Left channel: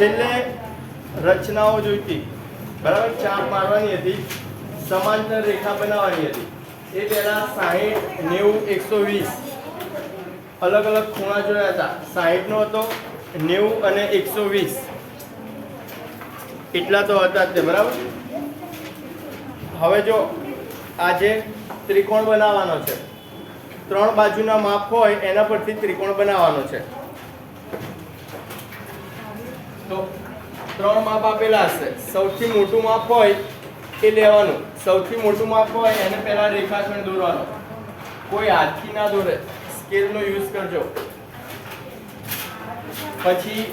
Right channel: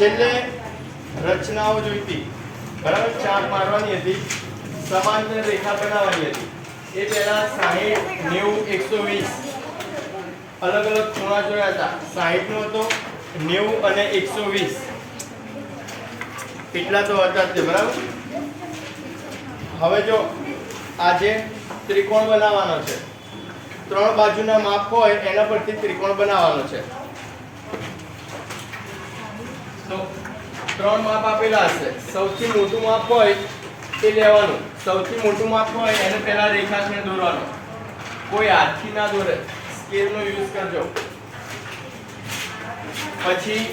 છેલ્લે રચનાઓ જોઈતી, બરાબર, ચાપ મારવાની હતી, સમાંતર રેખા બનાવવાની હતી. એ પહેલા 60 90 120 અલગ અલગ ખૂણા જોયા હતા. 60 નો હતો, 90 અને 120 એટલા તો હતા જ તે, બરાબર. હવે જો આજે ત્રિકોણ બનાવવાનો છે, 3 બાજુના માપ હોય એના પરથી ત્રિકોણ બનાવવાનો છે. તો 3 માપ આપેલા હશે. સૌથી મોટું માપ હોય એ લેવાનું. સૌથી મોટું માપ હોય એને પહેલા રેખાખંડ દોરવાનો. કોઈ હાથથી ના દોરે, સ્કેલનો યુઝ કરજો. પછી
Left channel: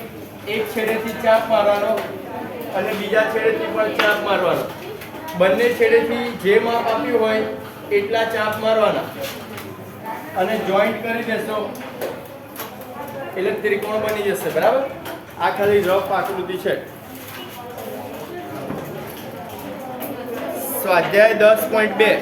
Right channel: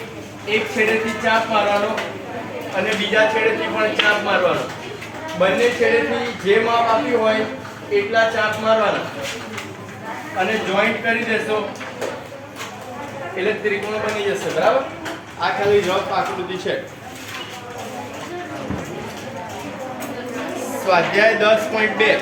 એક છેડેથી ચાપ મારવાનો અને બીજા છેડેથી પણ ચાપ મારવાનો. બંને છેડેથી જે માપ આપ્યું હોય એટલા ચાપ મારવાના અને જોઈન્ટ કરી દેશો એટલે ત્રિકોણ બની જશે, બરાબર. આ ખાલી રફ આકૃતિ છે. સ્વાધ્યાય 10.2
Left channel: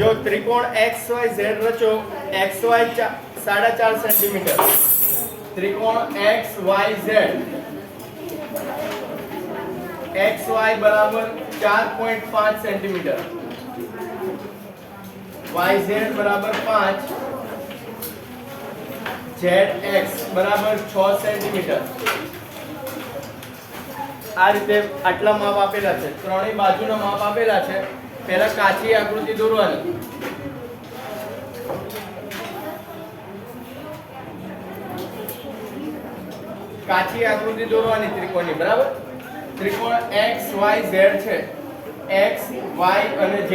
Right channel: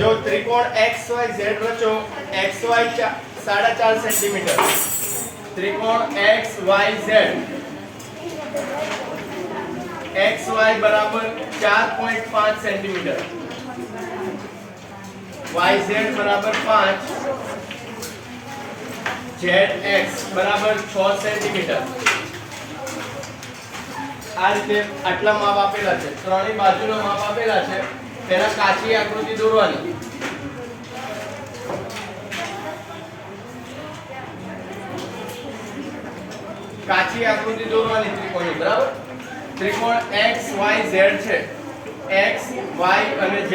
जो त्रिकोण XYZ रचो. XY 4.5 centimetre. त्रिकोण XYZ XY बराबर 4.5 सेंटीमीटर, YZ बराबर 5, ZX बराबर 6 सेंटीमीटर. આ રીતે આટલા માપ આપેલા છે. ત્રણેય બાજુના માપ આપેલા છે. પહેલા કાચી આકૃતિ દોરવાની. કાચી આકૃતિ દોરવાની ત્રિકોણની, બરાબર. ત્રિકોણ XYZ છે. X, Y અને Z.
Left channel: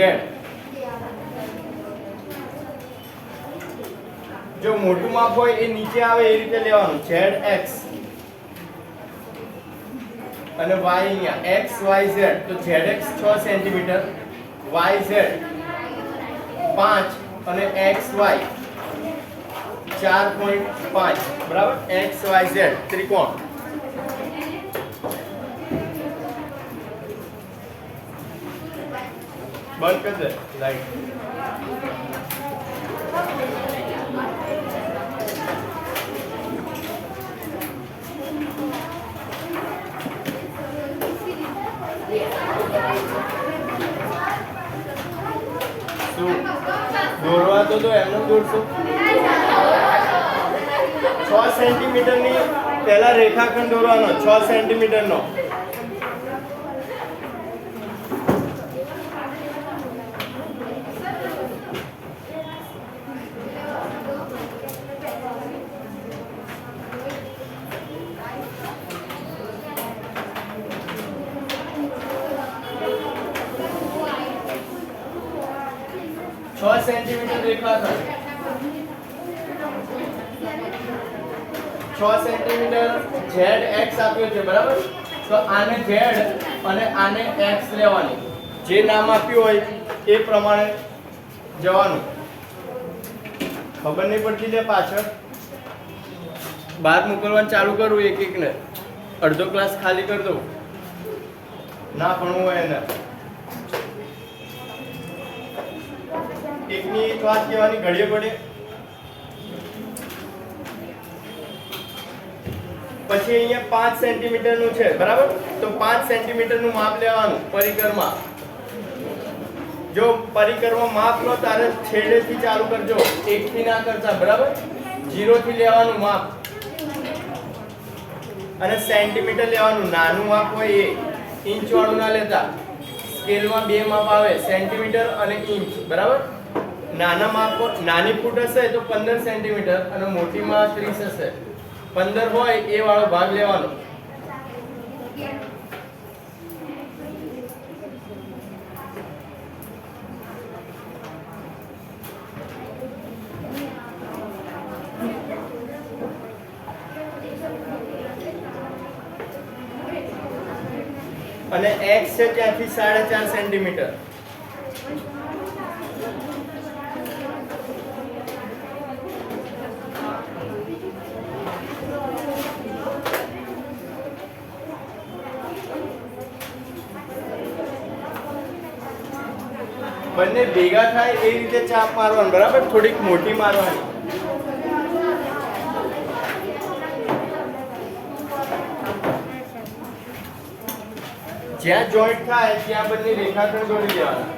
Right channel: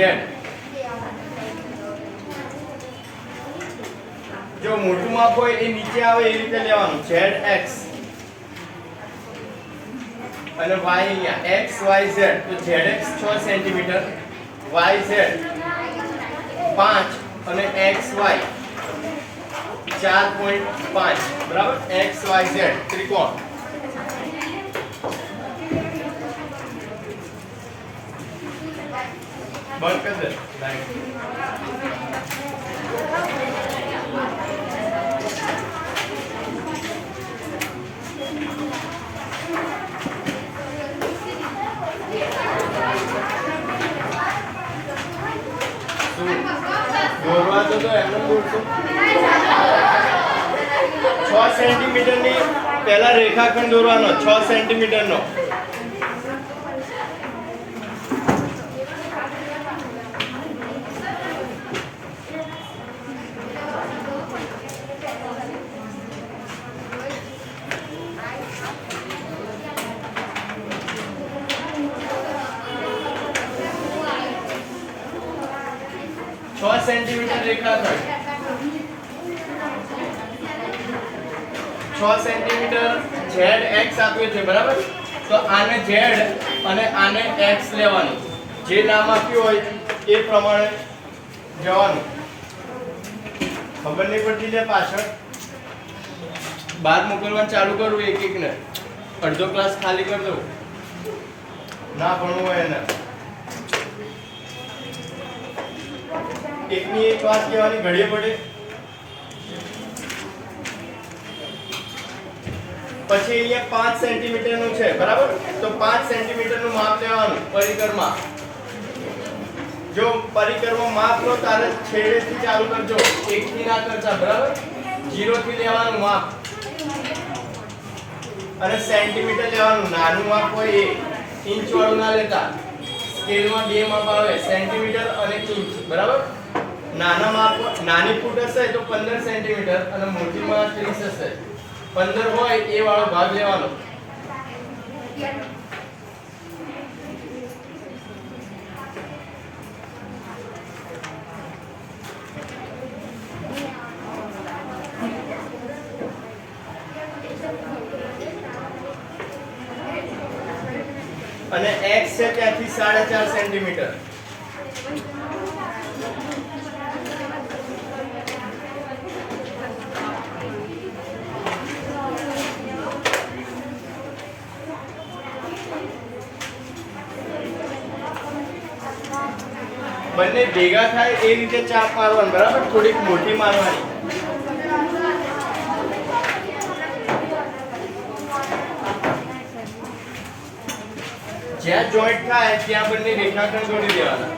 જો મોટું માપ હોય એ નીચે આવે એ રીતે લેવાનું. ZX અને Y અહીંયા XYZ. તો ZX 6 સેન્ટીમીટર, YZ 5 અને XY 4.5, બરાબર. XYZ ત્રિકોણ. બંધ કરી દે લાઈટ. દોરવા તો એમને દોરશો. 6 સેન્ટીમીટર ની પહેલા રેખાખંડ દોરવાનો. 6 સેન્ટીમીટર નો. સેન્ટીમીટર રેખાખંડ. 6 સેન્ટીમીટર ZX આપ્યું છે, બરાબર. તો આને Z અને આને X લેવાનું. જે નામ આપ્યું હોય એ પ્રમાણે જવાનું. ખબર નહીં પડતી છે પાછળ. બહાર મોકલવાનું ચાલુ કરું એક એક ને. અડધો ક્લાસ ખાલી કરી દઉં. ના ભણવું હોય એને. એકની એક વાત કહેવાની ઘડીએ પડે. પછી અહીંયા 5 સેન્ટીમીટર નું છે, બરાબર. તો 5 સેન્ટીમીટર નું માપ લેવાનું પરિકરમાં. જો પરિકરમાં માપ લો તારે છેડેથી ચાલુ કરજો, એકથી ના કરતા, બરાબર. 0 થી લેવાનું માપ અને સેન્ટીમીટર લેવાનું. નાનું માપ હોય એ, ઇંચ વાળું ના લેતા. સ્કેલમાં બે માપ આવે, સેન્ટીમીટર અને ઇંચ, બરાબર. નાના માપ, નાની ફૂટ હશે તો 15 સેન્ટીમીટર અને મોટીમાં 30 હશે. 15 હોય એ વાળો ભાગ લેવાનો. અને x છે ત્યાંથી 4.5 સેન્ટીમીટર. બંને ભેગા થાય એ રીતે ચાપ મારવાની, બરાબર? થોડીક મોટી મારવાની. જ્યાં જોઈન્ટ થાય ત્યાં બંને રેખાખંડ દોરી દેવાના.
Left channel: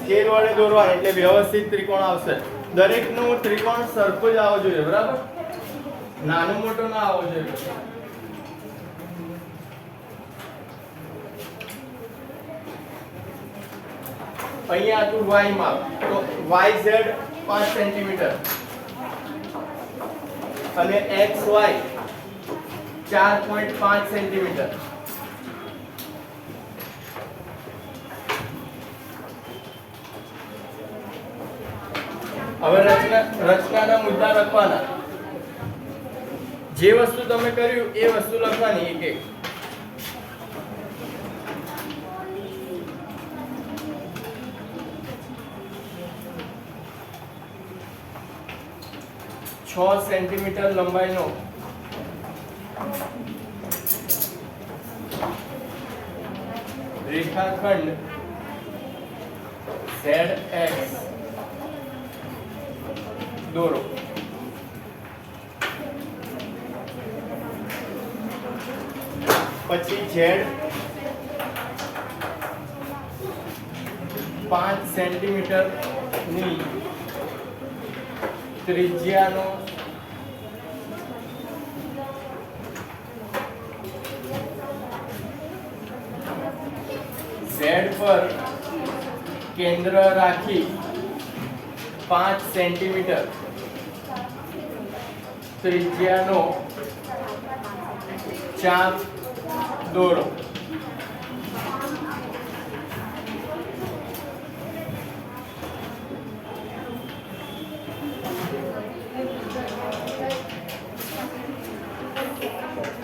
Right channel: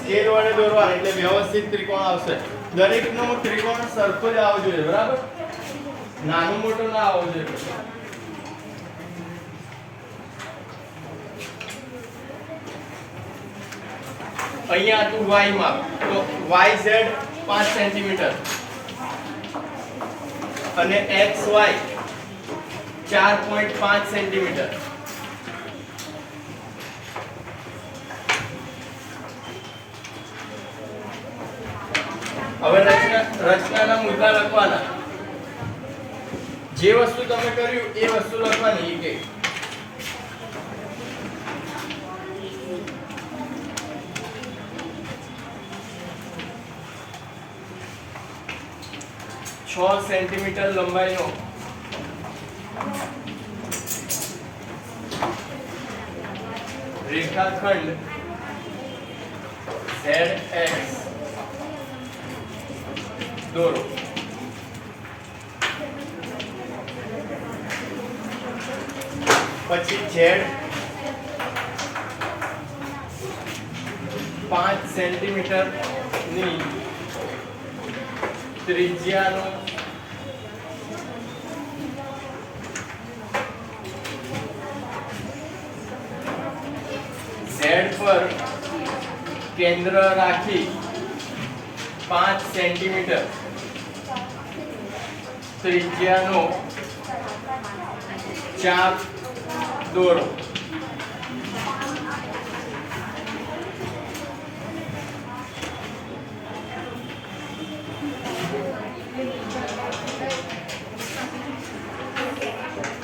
સ્કેલ વડે દોરવાનું એટલે વ્યવસ્થિત ત્રિકોણ આવશે. દરેકનું ત્રિકોણ સરખો જ આવવો જોઈએ, બરાબર? નાનો મોટો ના આવવો જોઈએ. અહીંયા હતું y માપ, તો yz 5 સેન્ટીમીટર અને xy 4.5 સેન્ટીમીટર. હવે રચનાના મુદ્દા લખવાના. જે વસ્તુ તમે કર્યું એ વસ્તુ લખવાની એક એક. સેન્ટીમીટર લંબાઈનો રેખાખંડ ZX દોરો. પછી Z 5 સેન્ટીમીટર ની ત્રિજ્યાનો Z પર કેન્દ્ર રાખી 5 સેન્ટીમીટર ત્રિજ્યાનો ચાપ દોરો.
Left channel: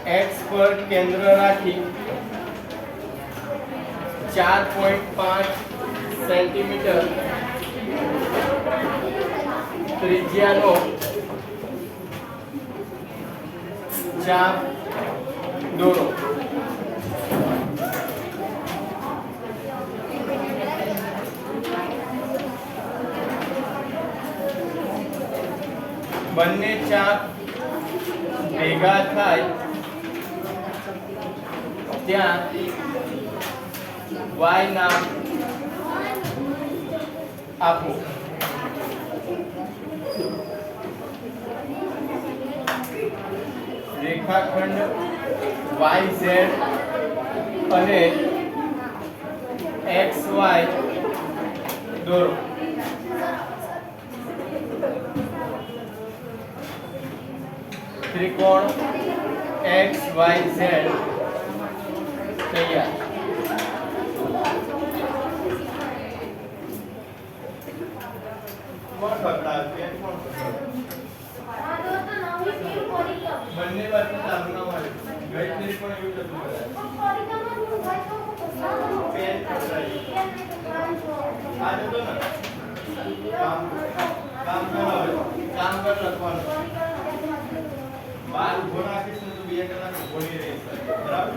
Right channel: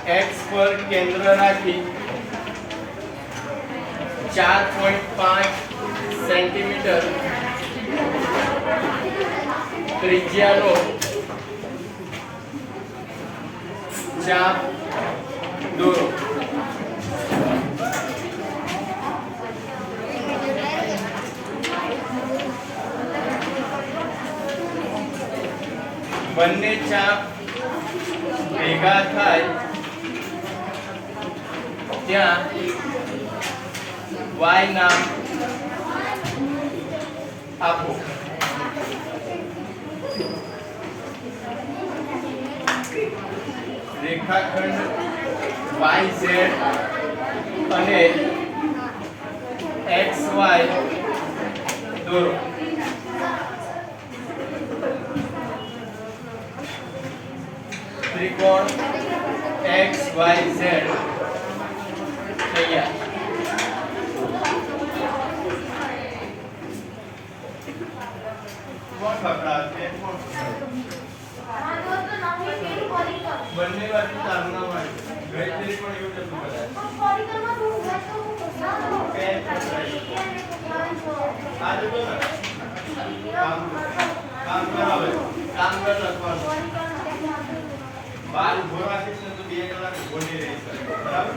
X પર કેન્દ્ર રાખી 4.5 સેન્ટીમીટર ત્રિજ્યાનો ચાપ દોરો. બંને ચાપ ભેગા થાય ત્યાં y નામ આપો. રેખાખંડ YZ અને XY દોરો. ત્રિકોણ XYZ તૈયાર. બંને બાજુ તારના વાળી ગણતરી પણ એવું જતું બધાય. પેન પકડાઈ આ જતો ને કામ કરાવે કામ કર લખવાનું. બાર ઉભો રાખીશ ને તો 2 કલાક ઉભો નહીં રહી શકે, બરાબર?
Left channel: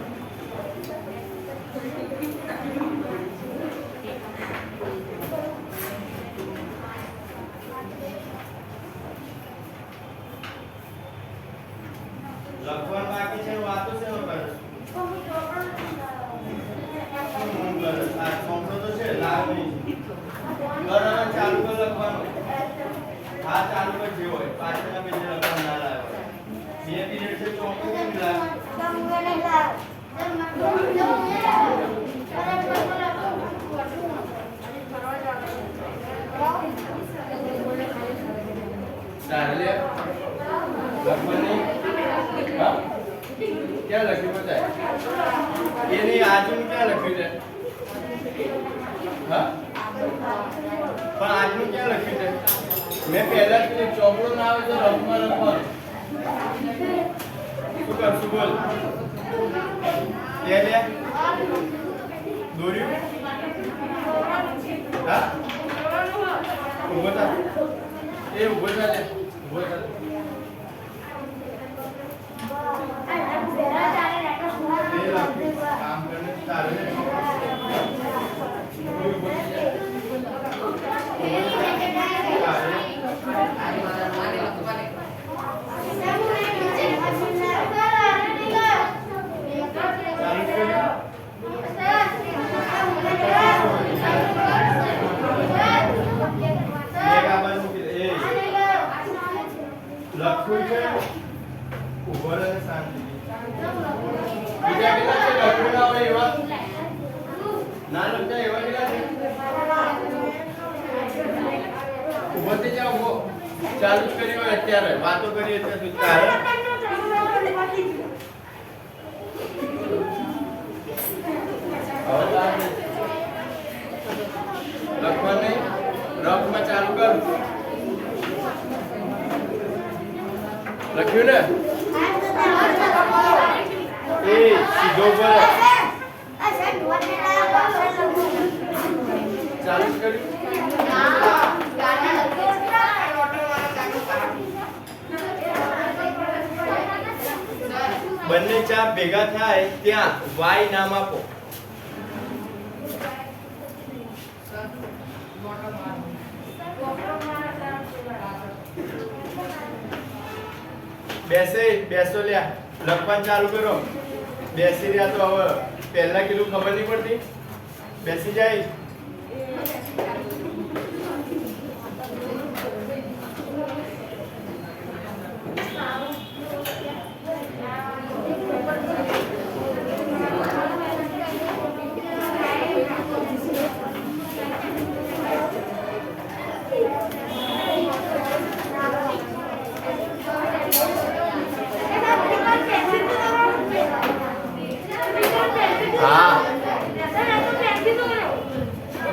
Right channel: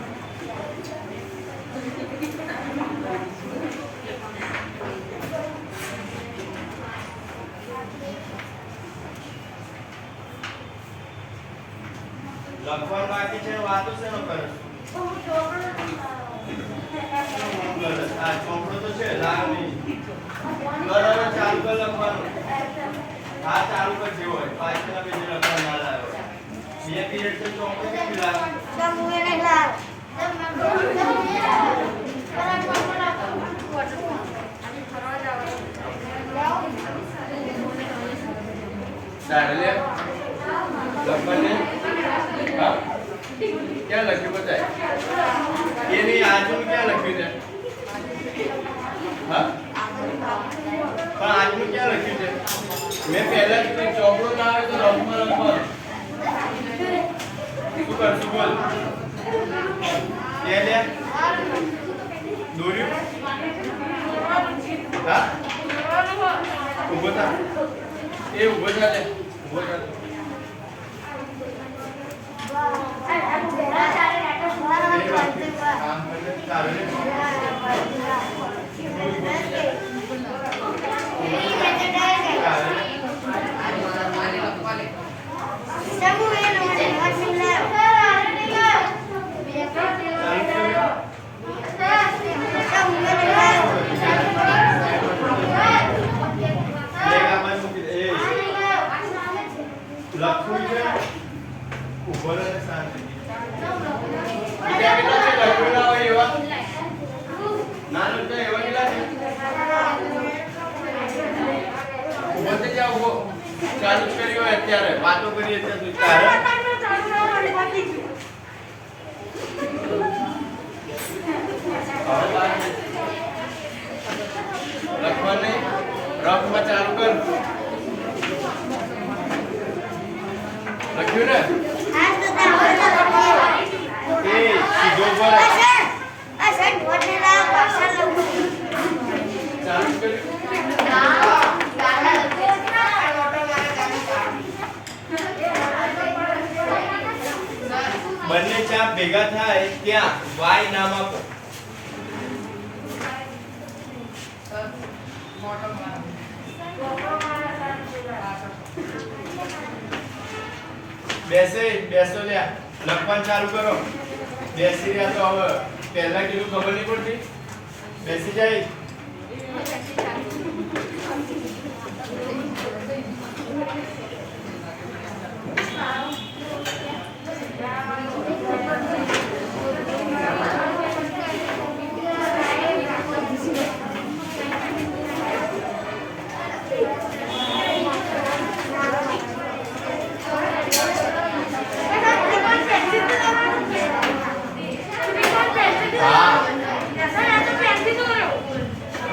લખવાનું બાકી છે, વાતો શેનો કરે? આ ચોપડો તો છે લાગ નહીં. બરાબર, ચાલુ કર લખવાનું. આ ચાલુ કર જેવો હોય પાછળના પેજે લખવા ના લાવે. 2 પીરિયડ છે ચોપડો કેમ લાગે? ચાલે લખવાનું. હા, ક્યાં લખ્યું બતાય? એની આજનું ક્યાં લખ્યું છે? હા, પણ આજનું ક્યાં લખ્યું છે? મેં પહેલા કીધું ચોપડો ના આવે તો રફમાં લખવાનું. શું કરશું બોલ? કે દોર્યું? હા, ઊભો થા એ ઊભો થા લે ઊભો થા કામ કરે તારે લખવું છે ઉભો રહે શાંતિ બીજા કેટલા છે લખેલા હોય એવા ના લખતા એવા કેટલા છે ઉભો થઈ જાવ ઉભો ચાલુ કરી હોય અત્યારે વાતો કરીએ ત્યાં સુધી તારે લખવાને રફમાં ચાલુ કર લખ્યું ને એ સીધો પર ચાલુ કર્યું બંને ચાપ ભેગા થાય ત્યાં y નામ આપો બેસો લ્યા લખવાનું ચાલુ કરો બેસી રહ્યા તો હવે પહેલા કીધું ખબર નહીં પડતી બેસી જાય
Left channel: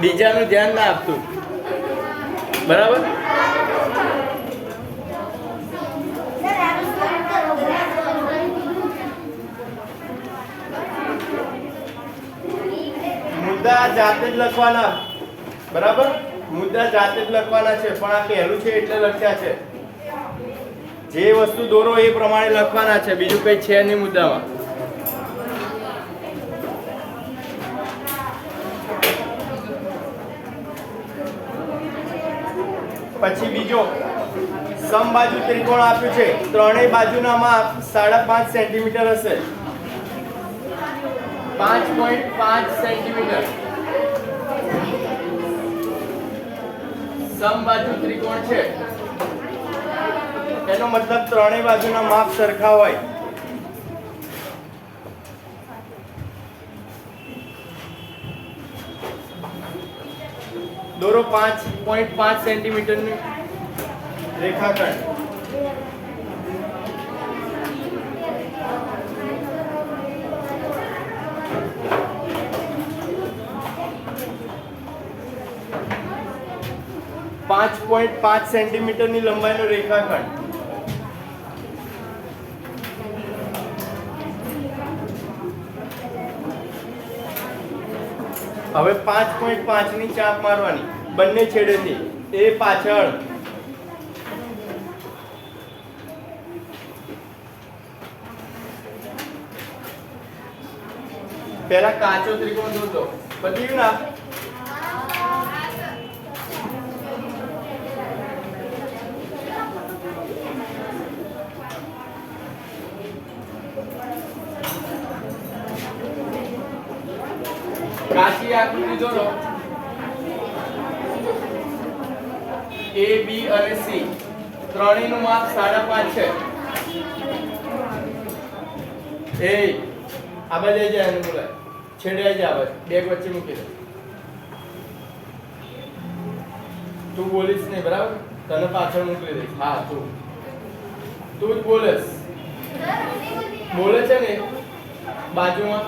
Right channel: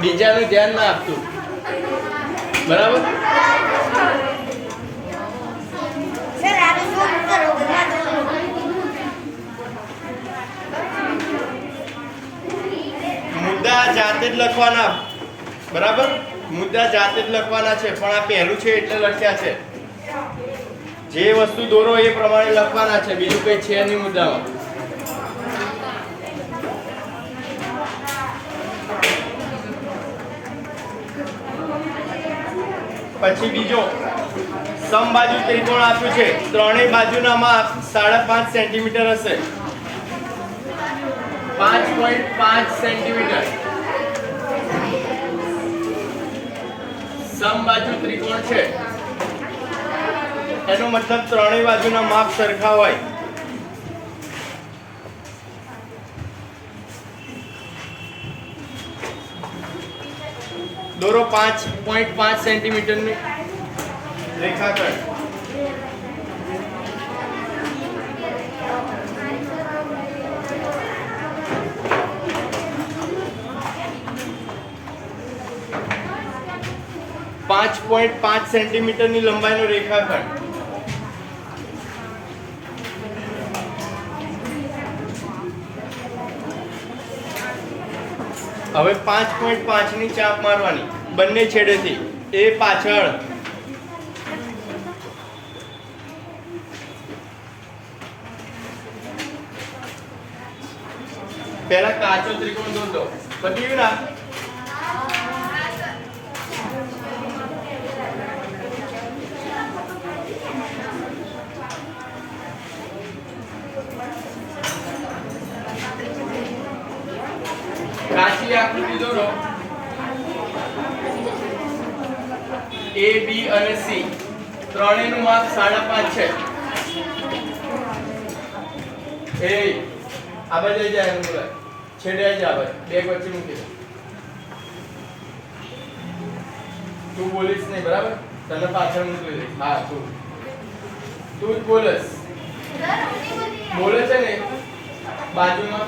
બીજાનું ધ્યાન ના આપતું બરાબર મુદ્દા જાતે જ લખવાના બરાબર મુદ્દા જાતે જ લખવાના છે પણ આ પહેલું છે એટલે લખ્યા છે જે વસ્તુ દોરો એ પ્રમાણે લખવાના છે બીજું કઈ છે નહીં મુદ્દામાં પછી બીજો સમબાજુ ત્રિકોણ આપ્યું છે ત્રણેય બાજુના માપ 5.5 સેન્ટીમીટર હશે 5.5 સેન્ટીમીટર સમબાજુ ત્રિકોણ છે એનો મતલબ ત્રણેય બાજુના માપ સરખા હોય દોરો 5.5 સેન્ટીમીટરની રેખાખંડ .5 સેન્ટીમીટરની લંબાઈનો રેખાખંડ હવે 5.5 ની ચાપ મારવાની બંને છેડેથી એ પાછળ પહેલા કાચો ત્રિકોણ દોરો પતી ગયું ના કાચી આકૃતિ દોરો A B અને C ત્રણેયનું માપ 5.5 છે એ આ બાજુ જાય એનું છેડે જાય આવે બેગ વચ્ચે મૂકી દે તું બોલીશ નહીં બરાબર તને પાછળ મૂકી દે હા તું જ બોલસ બોલે છે ને બાજુમાં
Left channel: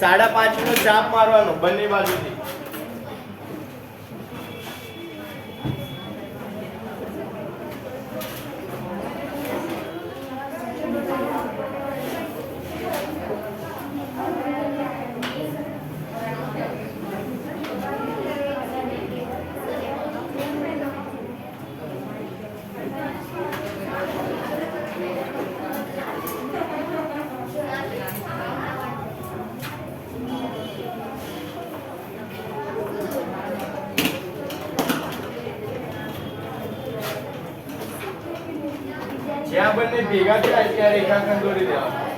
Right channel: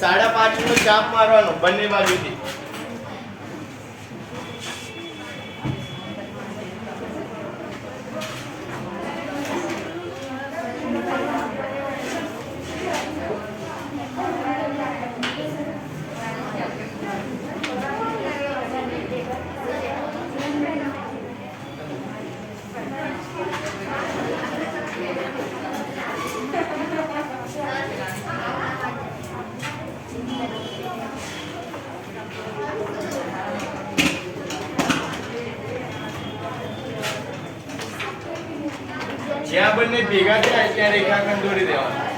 સાડા 5 નો ચાપ મારવાનો બંને બાજુથી બંને ભેગા થાય ત્યાં રેખાખંડ દોરી દેવાનો.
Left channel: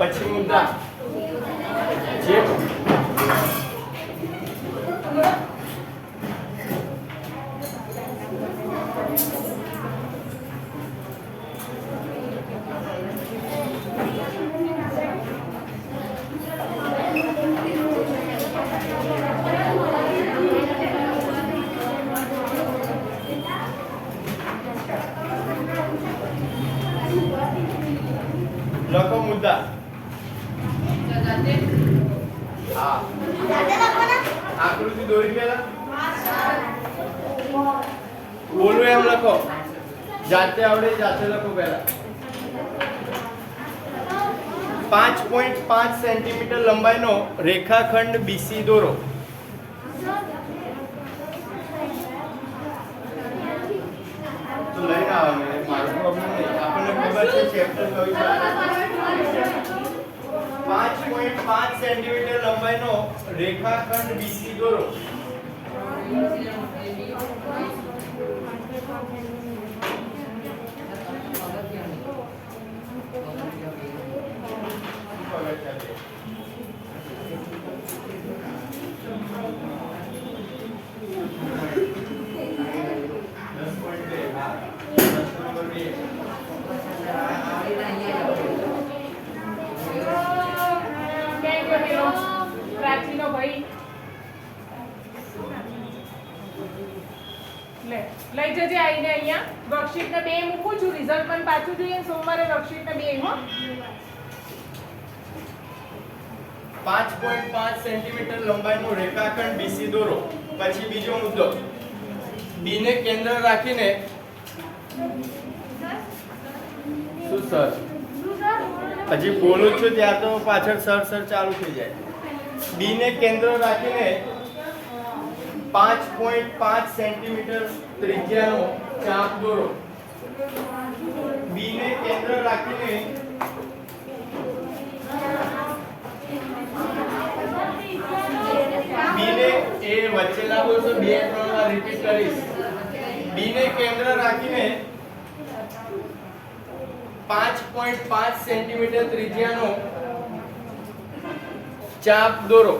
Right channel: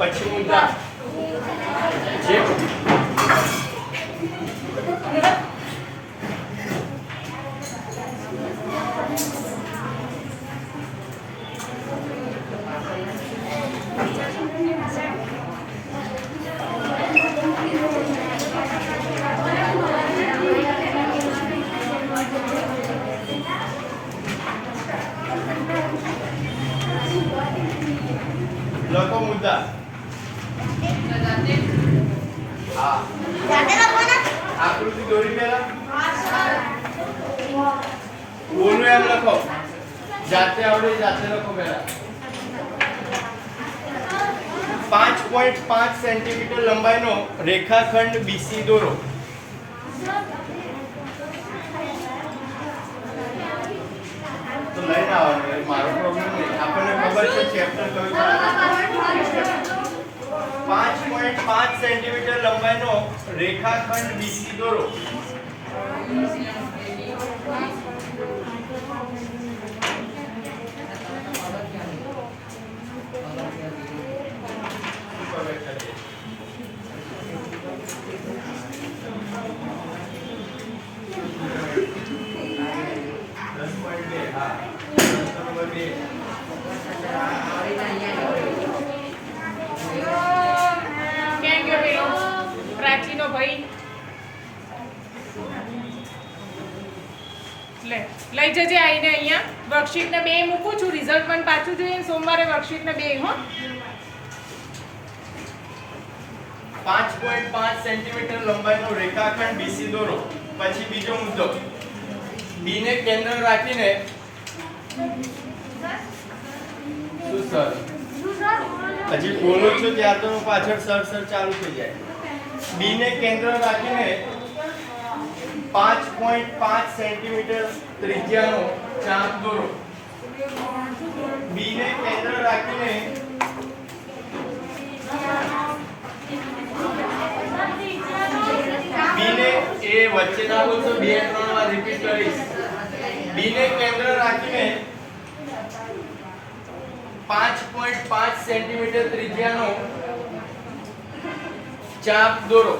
પછી મુદ્દા જે લખો મુદ્દા. આકૃતિ દોરી પહેલા બોલું એમ લખો. જાતે આવડે જાતે લખો પહેલા. 5.5 સેન્ટીમીટર લંબાઈનો રેખાખંડ BC દોરો. તો લઈને આવવાનું, મારો પ્રોબ્લેમ નહીં. આપણને ખબર છે ચેપ્ટર કયું છે. 5.5 સેન્ટીમીટર લંબાઈનો રેખાખંડ BC દોરો. લઈ જજે આઈને અહીંયા વર્કશીટ ને 2 મૂકું છું. રિઝલ્ટ પણ પાછું જોઈએ સોમવારે વર્કશીટ ને 2 હો. 5.5 સેન્ટીમીટર લંબાઈનો રેખાખંડ BC દોરો. પછી બીજો મુદ્દો, B ને કેન્દ્ર રાખીને શું સર હજી બોલું છું ત્યાં તો પાછળ સર ચાલુ થઈ જાય. B ને કેન્દ્ર રાખીને 5.5 સેન્ટીમીટર ત્રિજ્યાનો ચાપ દોરો. B ને કેન્દ્ર રાખીને B ને એ વચ્ચે ના બોલશો, 2-3 વાર રિપીટ કરીશ. B ને કેન્દ્ર રાખીને 5.5 સેન્ટીમીટર ત્રિજ્યાનો ચાપ દોરો.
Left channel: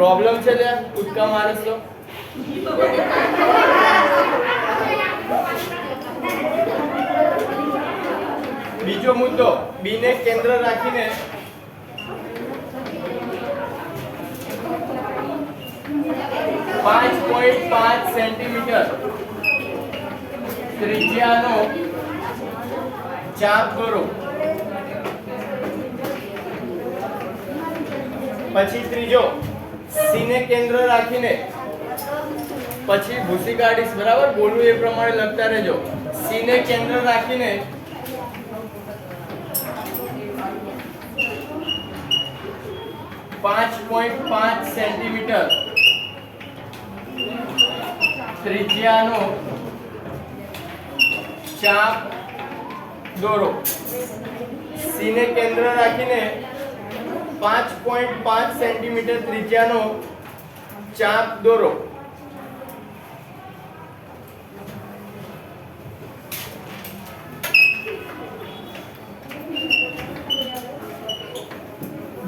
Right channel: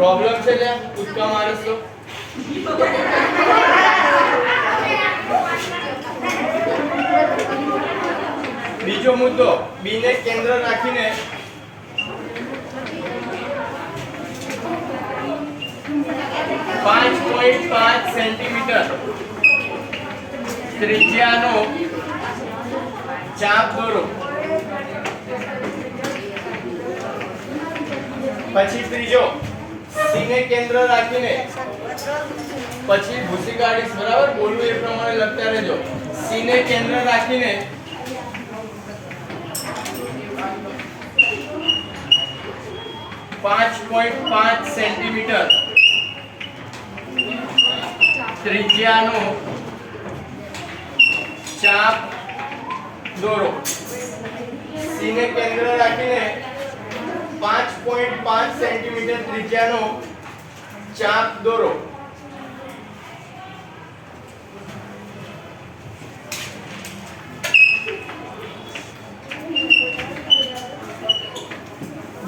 प्रॉब्लम છે ત્યાં કૂદકા મારે છો. બીજો મુદ્દો, B ને કેન્દ્ર રાખીને 5.5 સેન્ટીમીટર ત્રિજ્યાનો ચાપ દોરો. પછી ત્રીજો, C ને કેન્દ્ર રાખીને પછી ભૂસી કાઢીશ, બરાબર? બોલું એ પ્રમાણે લખતા રહેજો. C ને કેન્દ્ર રાખીને 5.5 સેન્ટીમીટર ત્રિજ્યાનો ચાપ દોરો. C ને કેન્દ્ર રાખીને 5.5 સેન્ટીમીટર ત્રિજ્યાનો ચાપ દોરો.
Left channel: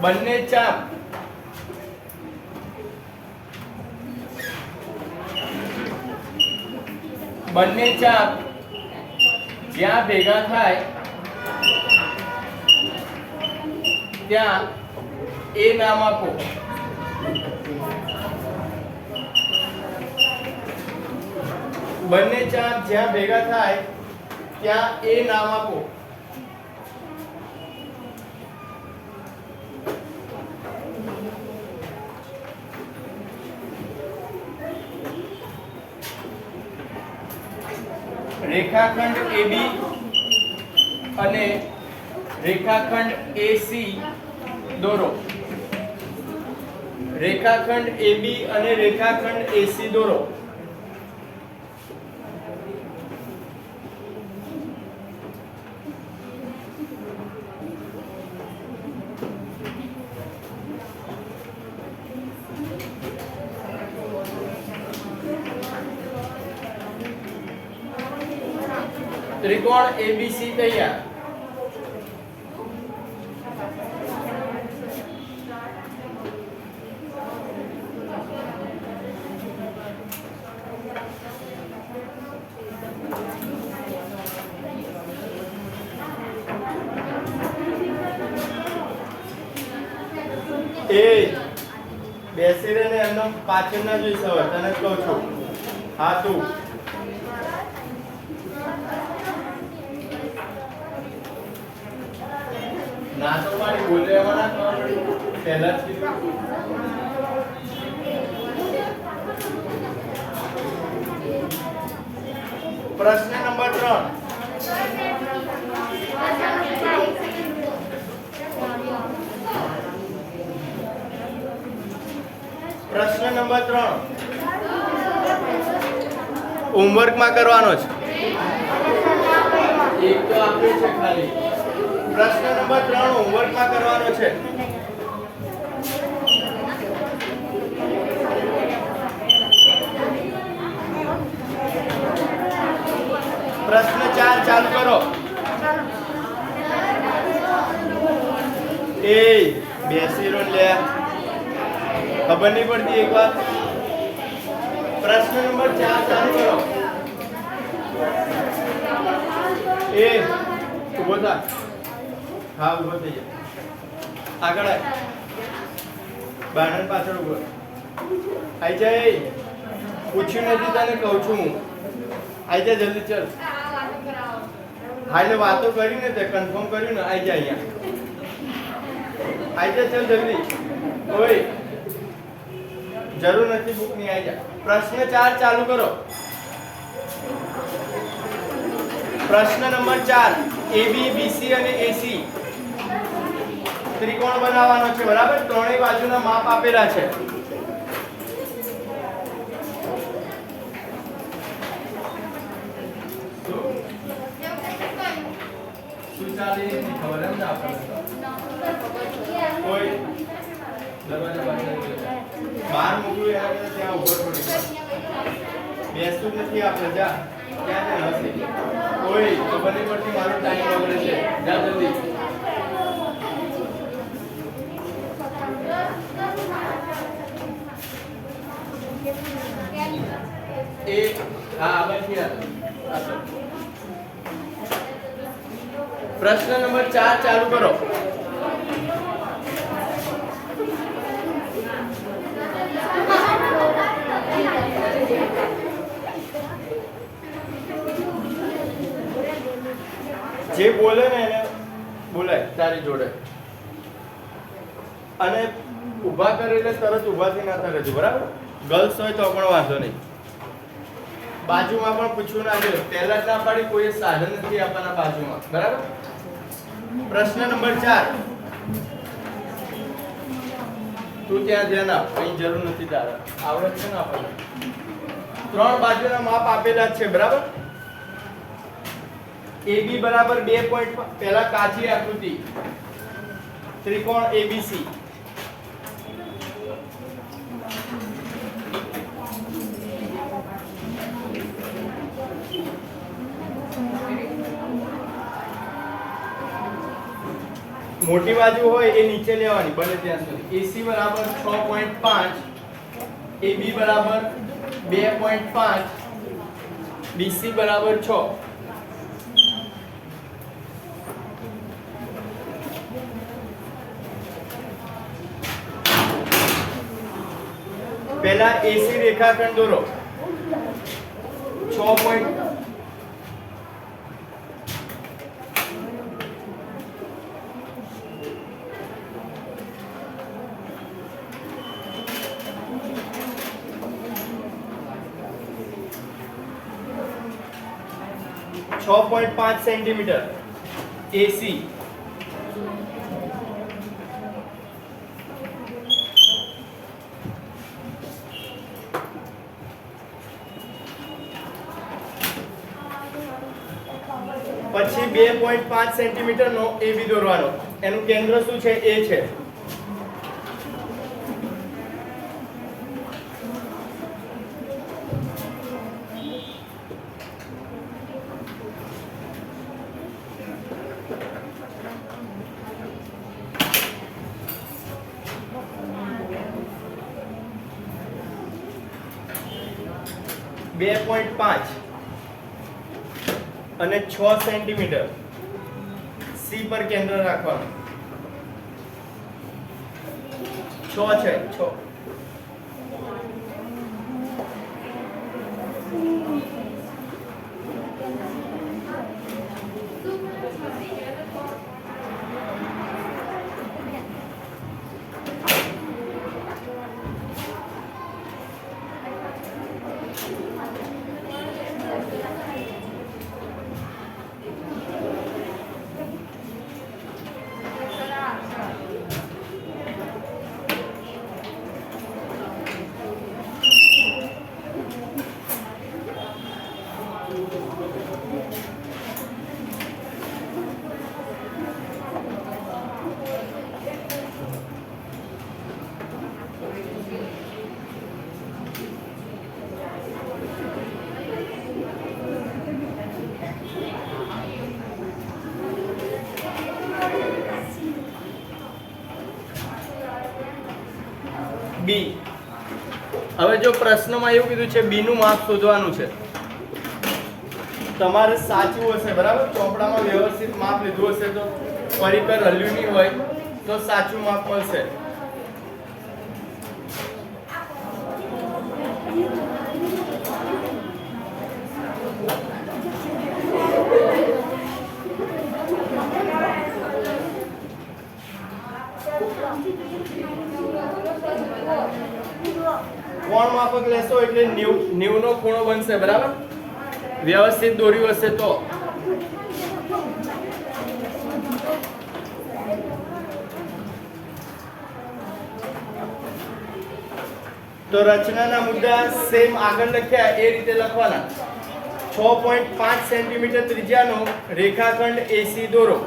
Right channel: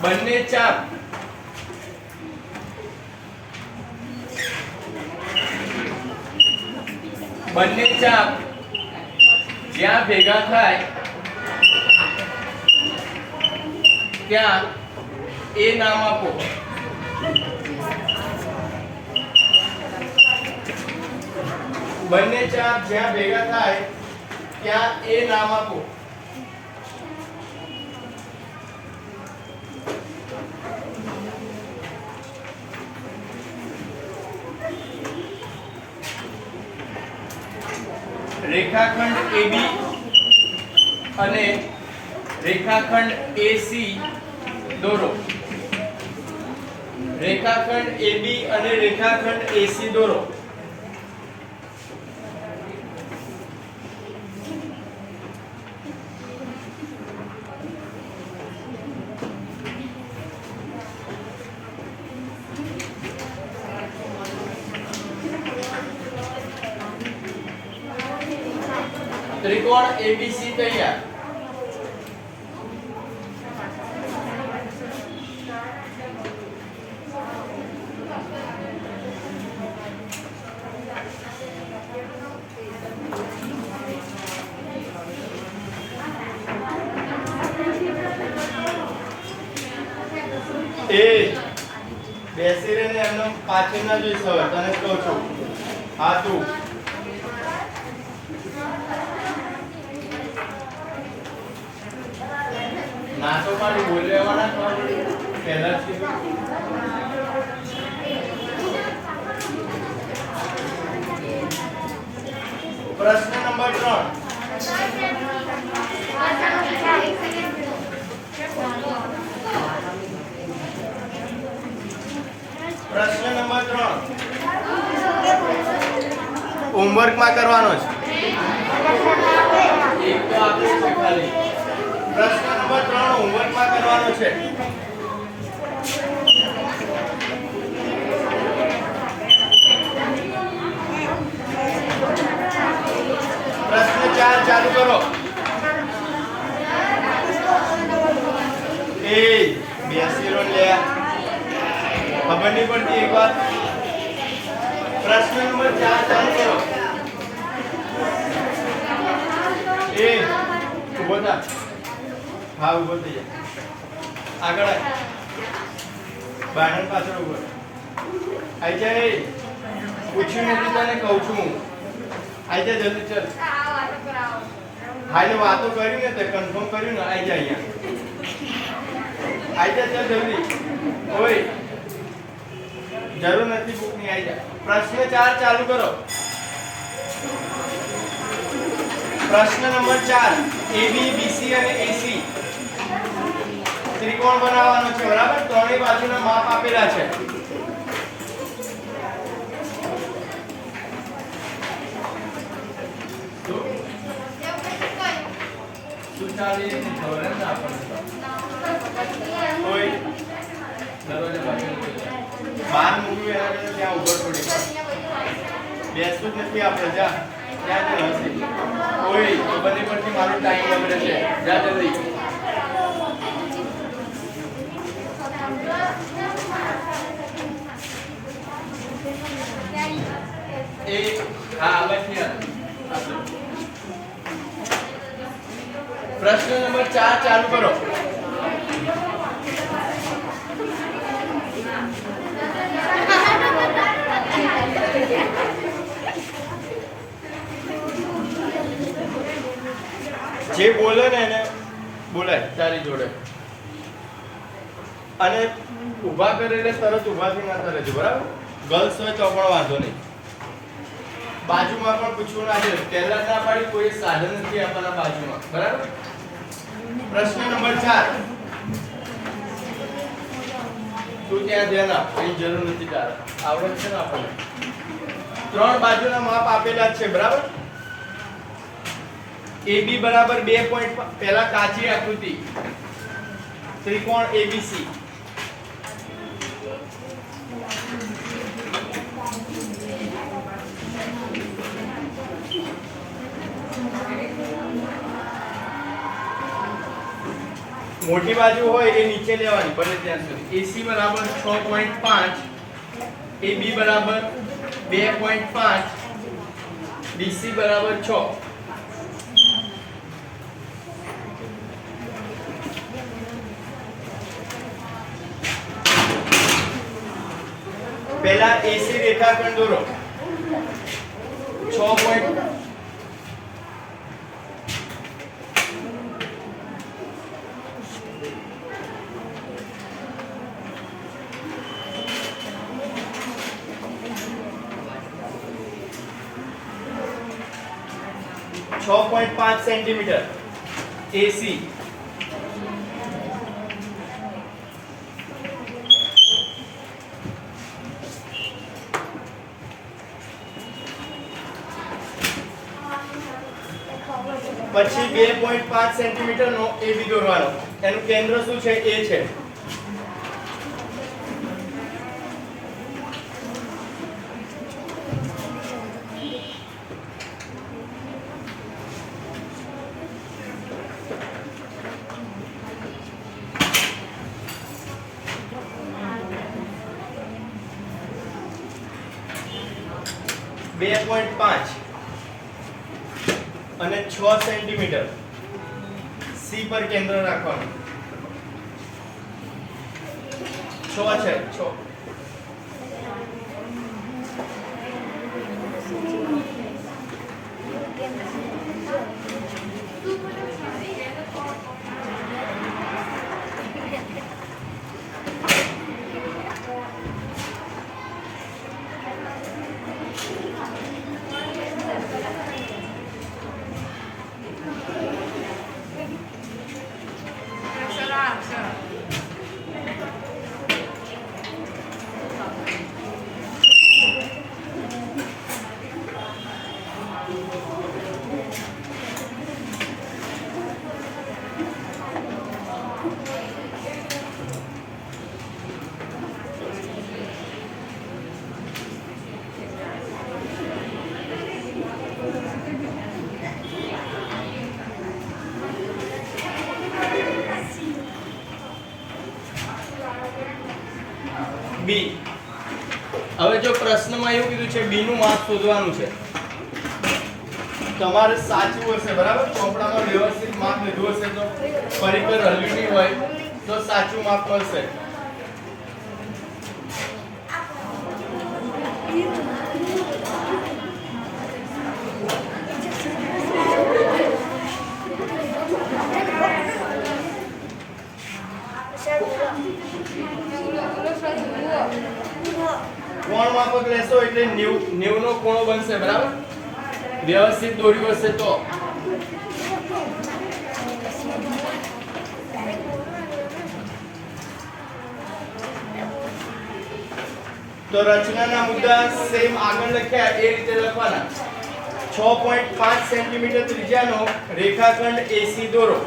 બંને ચાપ જ્યાં ભેગા થાય ત્યાં એ નામ આપો. બંને ચાપ જ્યાં ભેગા થાય ત્યાં એ નામ આપો. રેખાખંડ AB અને રેખાખંડ AC દોરો. રેખાખંડ AB અને રેખાખંડ AC દોરો. त्रिकोण ABC तैयार. ए બેસી રહે ને એમને પાછળ ના જોઈ સવાર તને કહું છું. હા તું ના તો મારે બોલવાના પહેલાથી. પ્રશ્ન નંબર 3 હોમવર્ક માં કરવાનો છે. એક તો આપ્યું છે ખાલી. પ્રશ્ન નંબર 3 હોમવર્ક માં કરવાનો છે. પ્રશ્ન 4 ચાલુ કરો. એ બેસી લે ખબર નહીં પડતી એક વાત. પ્રશ્ન નંબર 4 ચાલુ કરો. એ ઉભો થા. હા ઉભો થઈ જા. આગળ આય. બારણની પાછળ ઉભો. આઈ જા. પૂછ્યું નથી તને કહું છું હું. આઈ જા જલ્દી ચાલ. હાલે વાતો કરી ને તે કન્ફર્મ કર્યું ને આઈ જા અહીંયા. આઈ જા ચાલ જલ્દી. ઓય જરૂર નથી બુક ની. આઈ જા. પ્રશ્ન 4 ચાલુ કરો. પ્રશ્ન નંબર 4 AB BC અને AC ત્રિકોણ બનાવવાનો છે. બરાબર. ત્રણેય બાજુના માપ આપેલા છે. સુચાલી ખબર એમ ના આપણને. કોઈ દરવાજા પાછળ બહાર મૂક્યું એના ત્યાં ઉભો પડી બેસતું જ નથી આપણે. જા ત્યાં ત્યાં હશે. કોઈ ખબર નહીં પડતી. મારો ટાઈમ બગડે છે. જા જલ્દી. એ હા બચી પ્રશ્ન નંબર 4 ચાલુ કરો. જે બોલે ને એને બોલાય તારી જોડે. અને ઊભા કરે એટલે તરત ઊભા થઈ ના કરે છે. બરાબર. ગર્લ્સ હોય તો પણ વાંધો નહીં. બાજુમાં પણ પૂછવું ના છે. પહેલા ના પાડી કોઈ સાધન નથી આપવાના બાજુમાં. બરાબર. પ્રશ્ન નંબર 4 તું ત્યાં ધ્યાન આપ. કઈ જરૂર નથી તારે. આવડત છે ને આપણને. 3 બાજુના માપ આપેલા જ છે. બરાબર. AB બરાબર 2 પોઈન્ટ. પહેલા કાચી આકૃતિ ત્રિકોણ ABC. મોટી બાજુ હોય એ નીચે લેવાની બને ત્યાં સુધી. AC બરાબર 6.5 AB બરાબર 2.5 BC બરાબર 6. પહેલા એસી રેખાખંડ દોરો 6 પોઈન્ટ .5 સેન્ટીમીટર એસી પછી 2.5 સેન્ટીમીટર નો એબી દોરવાનો એનું કેન્દ્ર શું છે એ છે બે 2.5 અને 6 સેન્ટીમીટર સી પર કેન્દ્ર રાખવાનું 6 છે 6 બી હવે જો પ્રશ્નમાં એવું કીધું છે બી નું માપ શોધવાનું છે તમારે સાચું હશે બરાબર ચોપડામાં વ્યવસ્થિત માપ લીધું હશે તો પરિકર હલ્યું નહીં હોય તો સાચું માપ મળશે કોણ માપક લેશો એટલે 90 નો ખૂણો બનશે બરાબર વ્યવસ્થિત દોર્યું હશે તો રચનાના મુદ્દા સેમ આગળ લખ્યા એ રીતે લખવાના 6.5 સેન્ટીમીટર ત્રિજ્યાનો રેખાખંડ એસી દોરો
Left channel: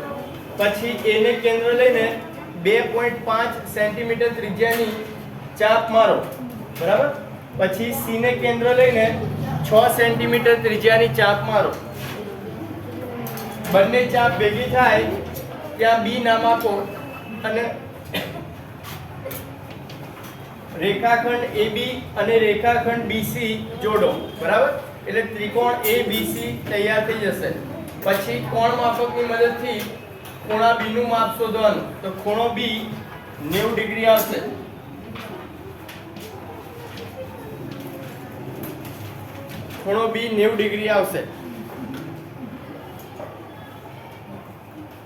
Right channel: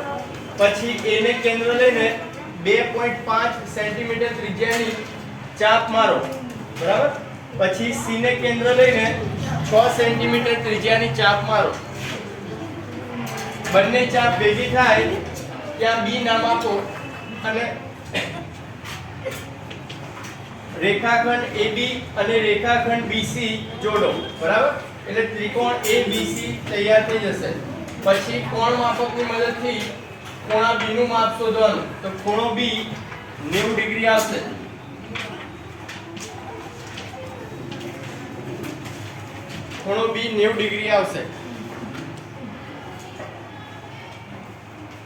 પછી એને કેન્દ્ર લઈને 2.5 સેન્ટીમીટર ત્રિજ્યાની ચાપ મારો બરાબર પછી સી ને કેન્દ્ર લઈને 6 સેન્ટીમીટર ત્રિજ્યાની ચાપ મારો બંને ચાપ ભેગી થાય ત્યાં બી નામ આપો અને રેખાખંડ AB અને રેખાખંડ BC જોડો બરાબર એટલે ત્રિકોણ ABC તૈયાર થઈ જશે પછી કોણ માપકની મદદથી ખૂણા B નું માપ શોધવાનું તો ખૂણો B 90 ડિગ્રી આવશે ખૂણો B 90 ડિગ્રી આવશે